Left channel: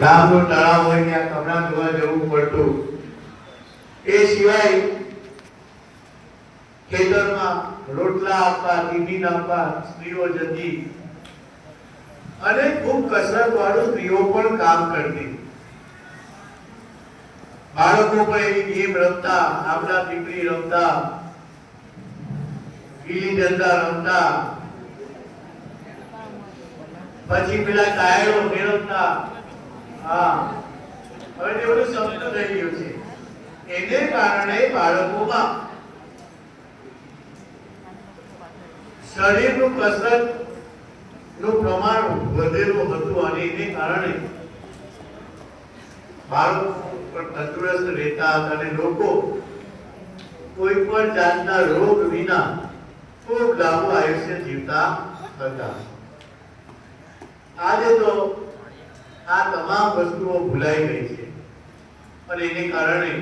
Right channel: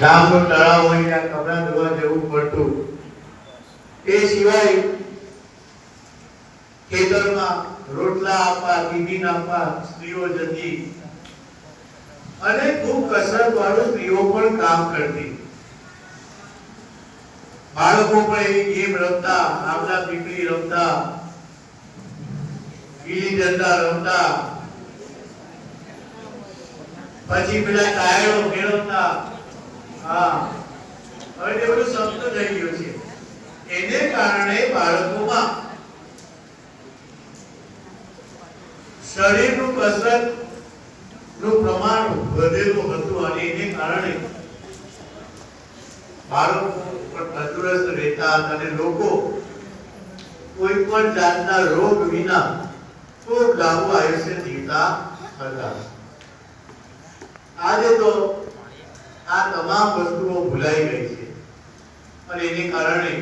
ગામનો તળાવ હોય ત્યાં કપડાં ધોવા જવું પડતું. એ સિવાય ખેતરમાં રોટલા આપવા ટિફિન આપવા સ્ત્રીઓ જતી. અને ખૂબ કસરત વાળું સ્ત્રીઓ પણ કામ કરતી. બાળકો પણ એવી ગેમ રમતા આમલા પીપળી રમતા પીલી ડંડા રમતા. પછી પેલા ટાયરો ફેરવતા. હવે તે બધું શબ્દ થઈ ગયું છે. એને કારણે બાળકોમાં શરીરનું કસરતનું પ્રમાણ વધેલું હતું અને એને કારણે બાળકો તંદુરસ્ત રહેતા હતા અને લોકો કોઈ પણ જાતના રોગ વિના ખૂબ લાંબુ આયુષ્ય જીવતા હતા. આજે તો આ તમામ વસ્તુઓ ભૂલાઈ ગઈ છે. અને એને કારણે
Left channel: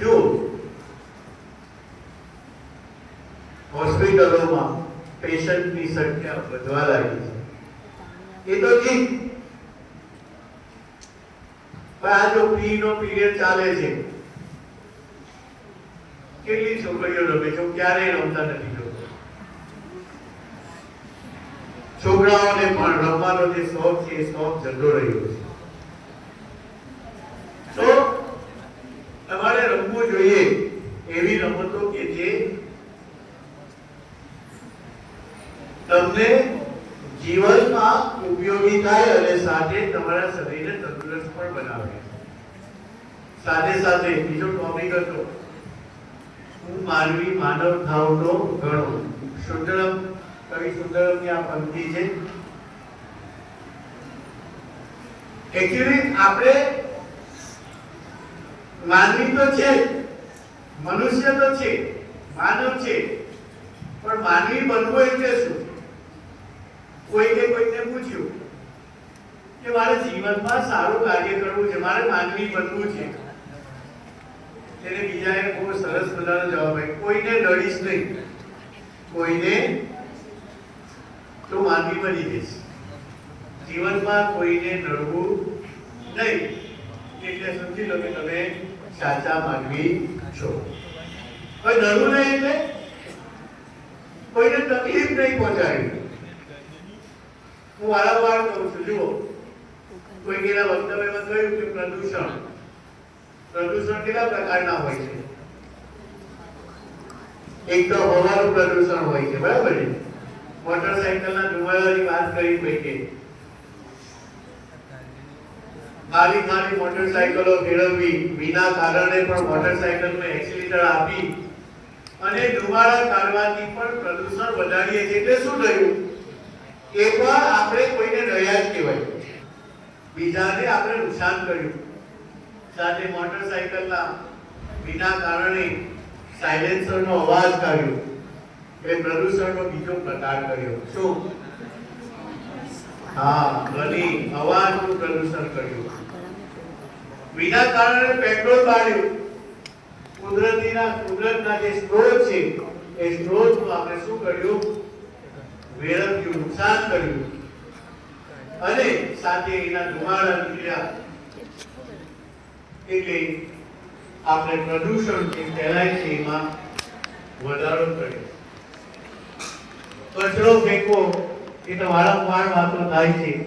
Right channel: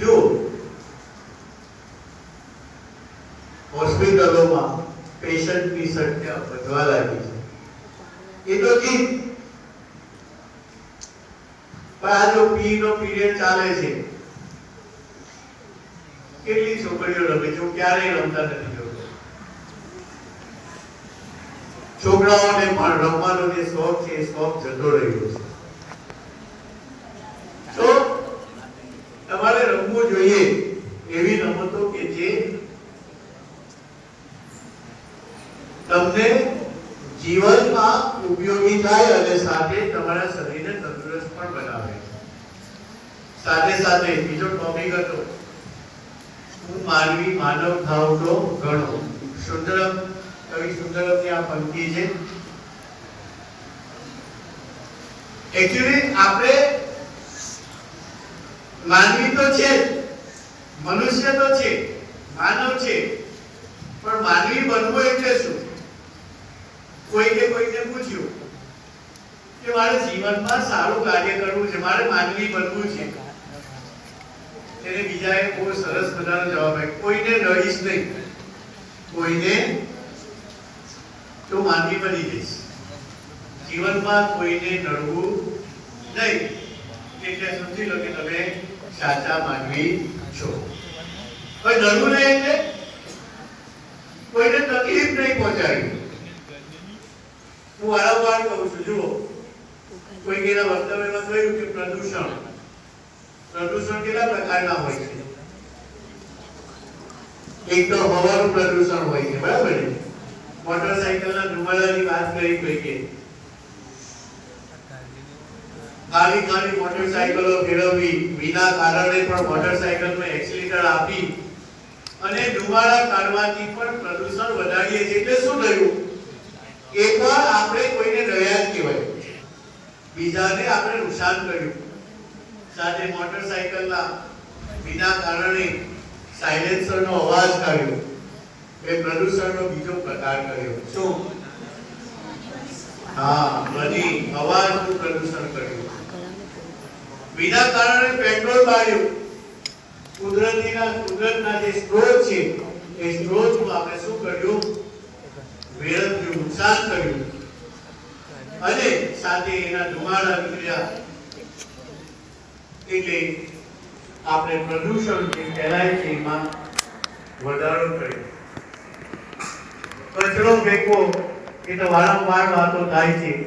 જો હોસ્પિટલોમાં પેશન્ટની સંખ્યા વધવા લાગી છે. એ તો ઠીક. પણ આ જો પી નો પીરિયડ ચાલે છે, કેટલી છોકરીઓ રમે છે? ક્યારેય રમતા નથી જોતો છોકરાઓને પણ રમવાનો જે શોખ છે, એ શોખ જતો રહ્યો છે. તો તમારે રમવું જોઈએ એવી રમતો કે જે તમને જીવનમાં ઉપયોગી થાય અને સાથે તમારા શરીરને તંદુરસ્ત પણ બનાવે. સાથે સાથે બીજો ટોપિક હતો હું માનવી માનવ થાવ તો ઘણો સુંદરમ કવિ સુંદરમની આ પંક્તિ છે. એકચ્યુઅલી આપણે માનવી તો છે મનુષ્ય તો છે, માનવ છે. પણ માનવી બનવું એટલે શું? કોઈને કોઈને પૂછ્યું કે મારે જીવનમાં સારું કાર્ય કરવું છે, મારે માનવી બનવું છે. તેને બીજાએ બહુ સરસ મજાનો જવાબ આપ્યો. કોઈને લડીશ નહીં. કોઈને તો માનવી બની જઈશ. જીવનમાં કોઈને નડવું નહીં. એટલે સમજી લો કે તમે સાચા માનવી છો. કોઈ નડવું નહીં એટલે? કોઈને તકલીફ નહીં પહોંચાડવી હું વારંવાર કહું છું, જુઓ. કોઈ કેના વક્તવ્યમાં કહ્યું કે પ્રદૂષણ. પ્રદૂષણ કેટલા પ્રકારના હોય છે? એક તો હવાનું પ્રદૂષણ હોય છે, બરાબર મોટરસાયકલના ધુમાડાની વાત કરી કોઈકે ખાલી ખાલી મોટરસાયકલો ફેરવવી વિના કારણે પણ મોટરસાયકલમાં એક્સિલેટર આપી અને ધુમાડા કાઢવાથી પણ પ્રદૂષણ વધારીએ છીએ. એટલે શું થયું? એકવાર આપણે કોઈને રહ્યા જ કહેવાય. બીજાને આપણે નુકસાન કર્યું. સાથે મોટરસાયકલના વિના કારણે સાયલેન્સરનો અવાજ કાઢ્યો. એ પ્રદૂષણનો બીજો પ્રકાર કર્યો. શું? હા ધ્વનિ અવાજનું પ્રદૂષણ કર્યું. વિના કારણે પેટ્રોલ બાળ્યું કુદરતીના, કુદરતના જે સ્ત્રોત છે, એ સ્ત્રોતનું આપણે શું કર્યું? વેળવ્યું નુકસાન કર્યું. અને સાથે એના ધુમાડા નીકળ્યા. એટલે આપણે પ્રદૂષણ જે ફેલાય છે, એમાં વધારો કર્યો. કચરો ફેંકવો એ તો વારંવાર વાતો થાય છે.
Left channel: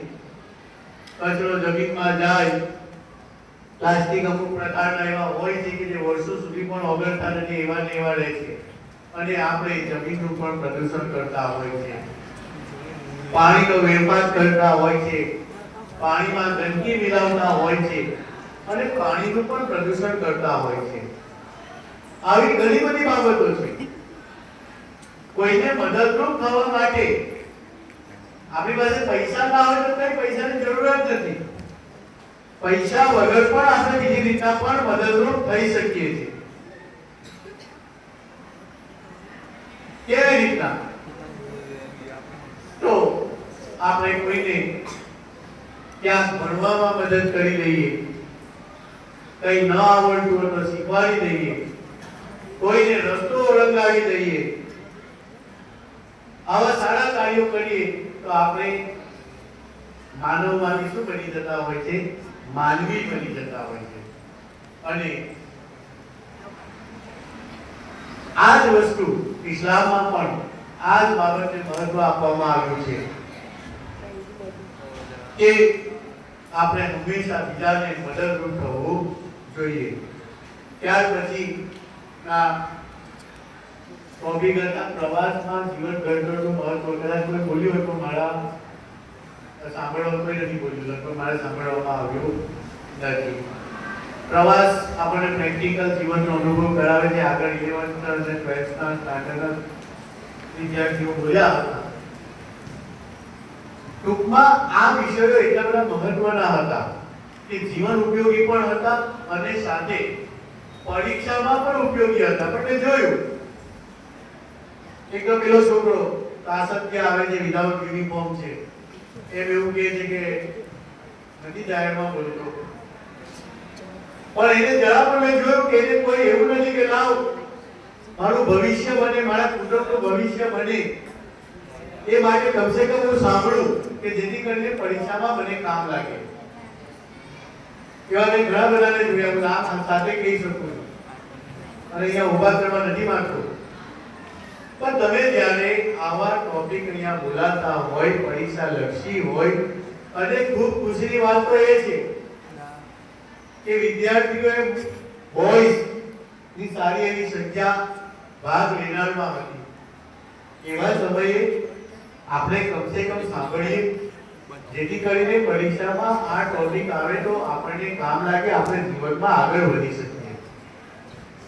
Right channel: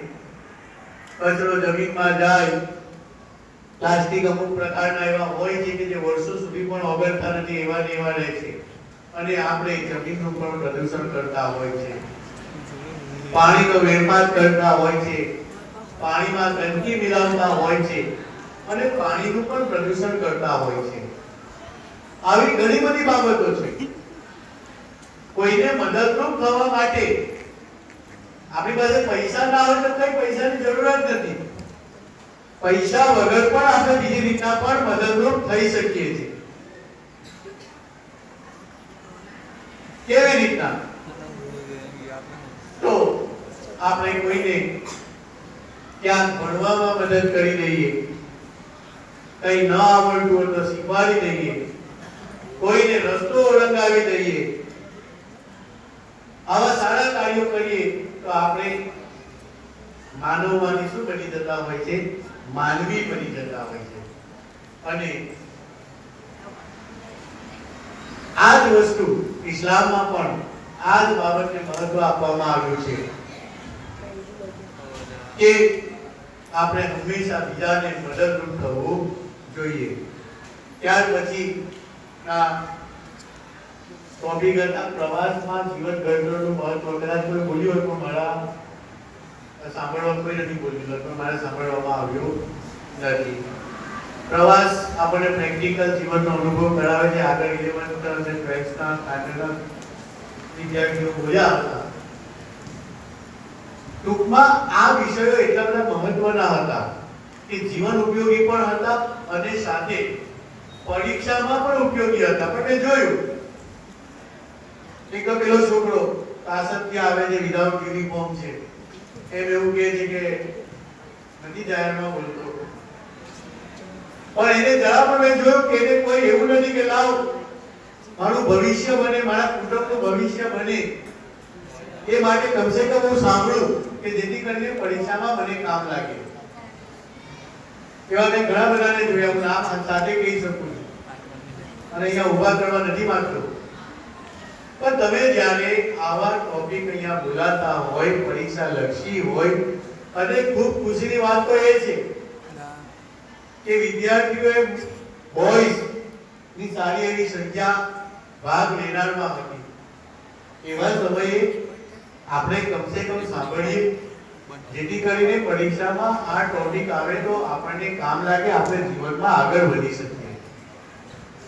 કચરો જમીનમાં જાય, પ્લાસ્ટિક અમુક પ્રકારના એવા હોય છે કે જે વર્ષો સુધી પણ ઓગળતા નથી, એવા ને એવા રહે છે. અને આપણે જમીનનું પણ પ્રદૂષણ કરતા હોય છે. પાણીનો વેરપાત કરતા હોય છે. પાણીમાં ગંદકી મિલાવતા હોય છે. અને પાણીનું પણ પ્રદૂષણ કરતા હોય છે. આવી ઘણી બધી બાબતો છે. કોઈને મદદરૂપ થવા માટે આપણી પાસે પૈસા ના હોય તો કઈ પૈસાની જરૂરત નથી. પૈસા વગર પણ આપણે બીજી રીતના પણ મદદરૂપ થઈ શકીએ છીએ. કેવી રીતના? તો આપણે કોઈને ક્યાંક ભણવામાં મદદ કરી દઈએ, કઈ ન આવડતું હોય તો શીખવાડી દઈએ, કોઈને રસ્તો ઓળંગાવી દઈએ કાર્યો કરીએ તો આપણે માનવમાંથી શું બની જતા હોય છે? માનવી બની જતા હોય છે. અને આ જ વસ્તુ ઇસ્લામમાં પણ આ જ બાબતને મહત્વ આપવામાં આવ્યું છે કે આપણે હંમેશા બીજાને મદદરૂપ થવું જોઈએ. ત્યાર પછી આ કોપી કરતા પ્રવાસમાં જીવન ગરજોનું મહત્વ કદાચ કોઈ બોલ્યું હોય, પણ મારા સાંભળવાનું કોઈ નથી બોલ્યું પણ મારે સાંભળવામાં આવ્યું નથી. પ્રવાસ આપણને પ્રેક્ટિકલ જીવનનો અનુભવ કરાવે છે. આગળ ઇલેવન્થ અને ટ્વેલ્થના સ્ટાન્ડર્ડના વિદ્યાર્થીઓ બોલ્યા હતા. ટૂંકમાં આ વિષયો એટલા બધા મહત્વના હતા કે જીવન ઉપયોગી પણ હતા અને સાથે પરીક્ષામાં પણ ઉપયોગી હતા. પણ મેં જોયું એક તો પેલો છોકરો કાસતથી આવે છે વિધાઉટ યુનિફોર્મ છે. એમ એવું કહે છે કે, નથી જાહેરમાં બોલતો. પણ એને જરા પણ મેં જોયું કે એને કોઈ એવું નથી કે, લાવ, મારું ભવિષ્ય બને, મારા કુટુંબનું ભવિષ્ય બને. એ માટે કમસે કમ હું સાંભળું કે જેથી કરીને પરીક્ષામાં મને કામ લાગે. એવા મેં ઘણા બધાને જોયા હું આ સાથે કહી શકું. અને અહીંયા ઊભા કરવા નથી માંગતો પણ તમે જ્યારે આવા ટોપિક અહીંયા બોલાતા હોય, પરીક્ષા લક્ષી હોય, અને ખૂબ ખુશીની વાત તો એ છે કે વિદ્યાર્થીઓએ બોયઝની સારી એવી સંખ્યા ભાગ લેનારમાં હતી. એવા સમયે આપણે કમસે કમ સાંભળીએ, જેથી કરીને પરીક્ષામાં આ ટોપિક આવે તો આપણને કામ લાગે, આપણે જીવનમાં આગળ વધી શકીએ.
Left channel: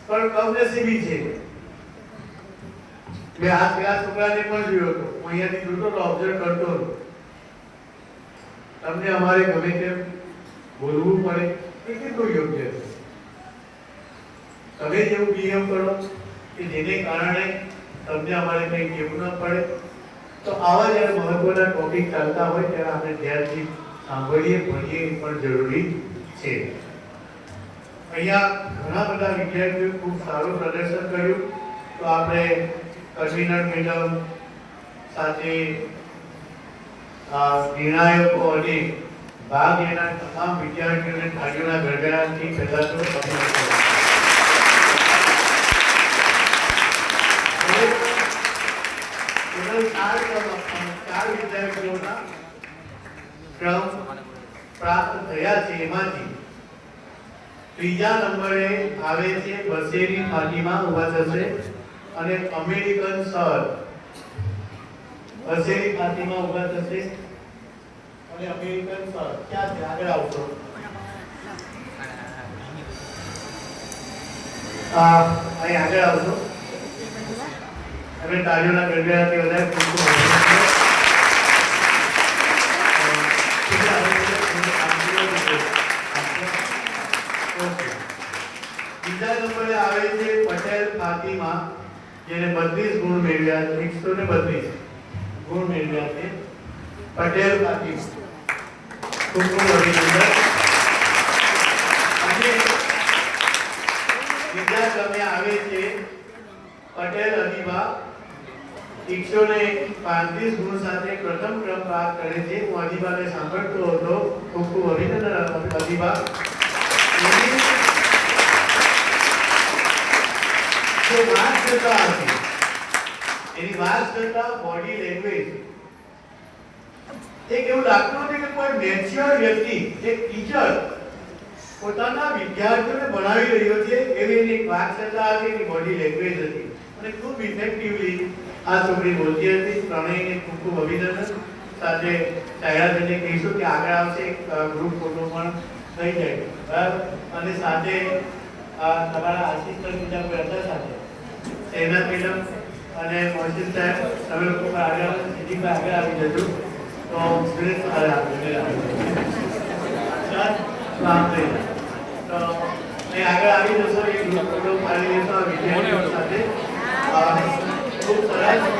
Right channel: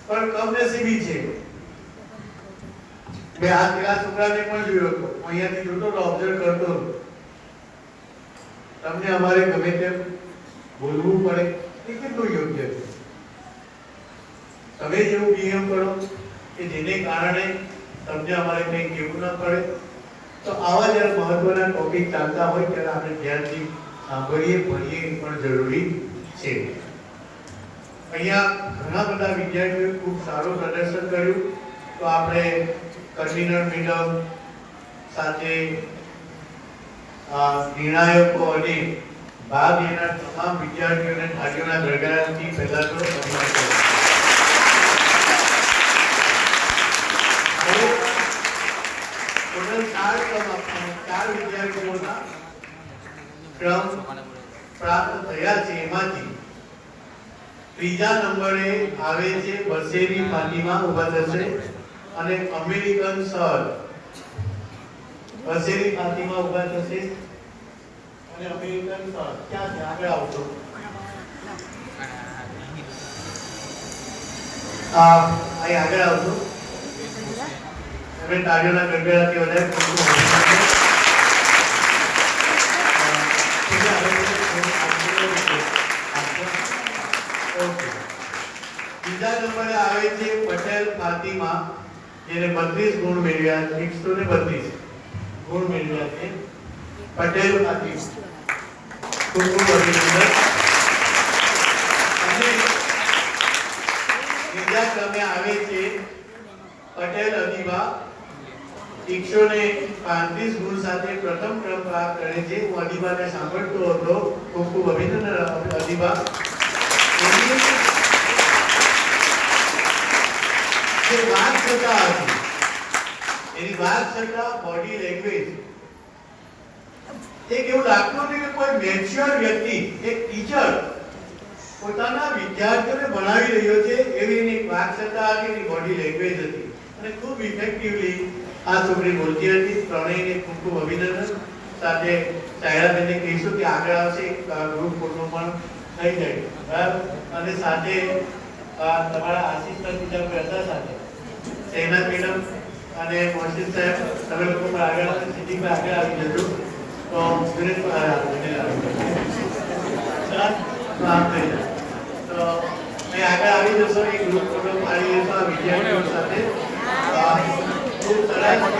પણ કમનસીબી છે. મેં આ પેલા છોકરાને પણ જોયો હતો. અહીંયાથી જોતો તો ઓબ્ઝર્વ કરતો હતો. તમને અમારે ગમે તેમ બોલવું પડે. એ કેટલું યોગ્ય છે? તમે જેવું બિહેવ કરો, કે જેને કારણે તમને અમારે કંઈ કહેવું ન પડે, તો આવા જ્યારે મહત્વના ટોપિક ચાલતા હોય ત્યારે આપણે ધ્યાનથી સાંભળીએ, ભણીએ પણ જરૂરી છે. અહીંયા ઘણા બધા વિદ્યાર્થીઓએ ખૂબ સારું પ્રદર્શન કર્યું. તો આપણે કન્વીનર મેડમ સાથે નિર્ણાયકો અને ભાગ લેનાર તમામ વિદ્યાર્થીઓને થાળીઓના ગડગડાટથી પહેલા તો ચાર વિદ્યાર્થીઓના ક્રમ પ્રાપ્ત થયા છે એમાંથી ત્રીજા નંબરે આવે છે વસેરી ફાતિમા ઊભા થશે. અને અમેરિકન સર. હશે ફાતિમા ઊભા થશે. અને અમેરિકન સર. ક્યાં છે? આગળ આવશો અહીં આગળ આવશો તમે તાળીઓના ગડગડાટથી વધારે જેને બત્રીસ ગુણ મેળવ્યા, એકસો ને બત્રીસ ગુણ મેળવ્યા છે. પટેલ ને પાંત્રીસ ગુણ સાથે પ્રથમ ક્રમ કરે છે. હું સાંભળતો હતો. ખૂબ ખૂબ અભિનંદન કરતા હતી એની વાત બોડી લેંગ્વેજ એક એવું લાગતું હતું કે કોઈ મેચ્યોર વ્યક્તિ, એક ટીચર પોતાના વિદ્યાર્થીઓને ભણાવી રહ્યો છે એવી એની વાત હતી, એની બોડી લેંગ્વેજ હતી. અને ખૂબ ઇફેક્ટિવલી આ છોકરી બોલતી હતી પ્રણયને ખૂબ ખૂબ અભિનંદન. સાથે સાયરાબેનને કહીશું કે આગળ આવશે ગ્રુપ ફોટો પણ થઈ જાય. બરાબર? અને સાથે તમારા આશીષભાઈ બીજા કરતા સાથે સહેના મેડમ અને મોહસિન સાહેબ તમે લોકો આગળ આવશો સિદ્ધિભાઈ આગળ આવી જજો તો વિનીત પણ આગળ આવી જજો. સર, માફ કરજો. તો એ આગળ આવી જશો એક ગ્રુપ ફોટો પાડી દેશો વિદ્યાર્થીઓ સાથે ખૂબ સરસ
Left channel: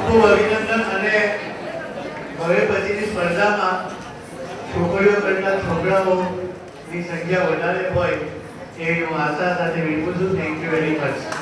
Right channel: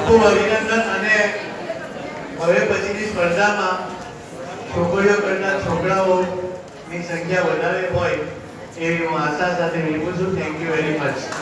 ખૂબ અભિનંદન અને હવે પછીની સ્પર્ધામાં છોકરીઓ કરતા છોકરાઓની સંખ્યા વધારે હોય એવી હું આશા સાથે વિનંતી છું. Thank you very much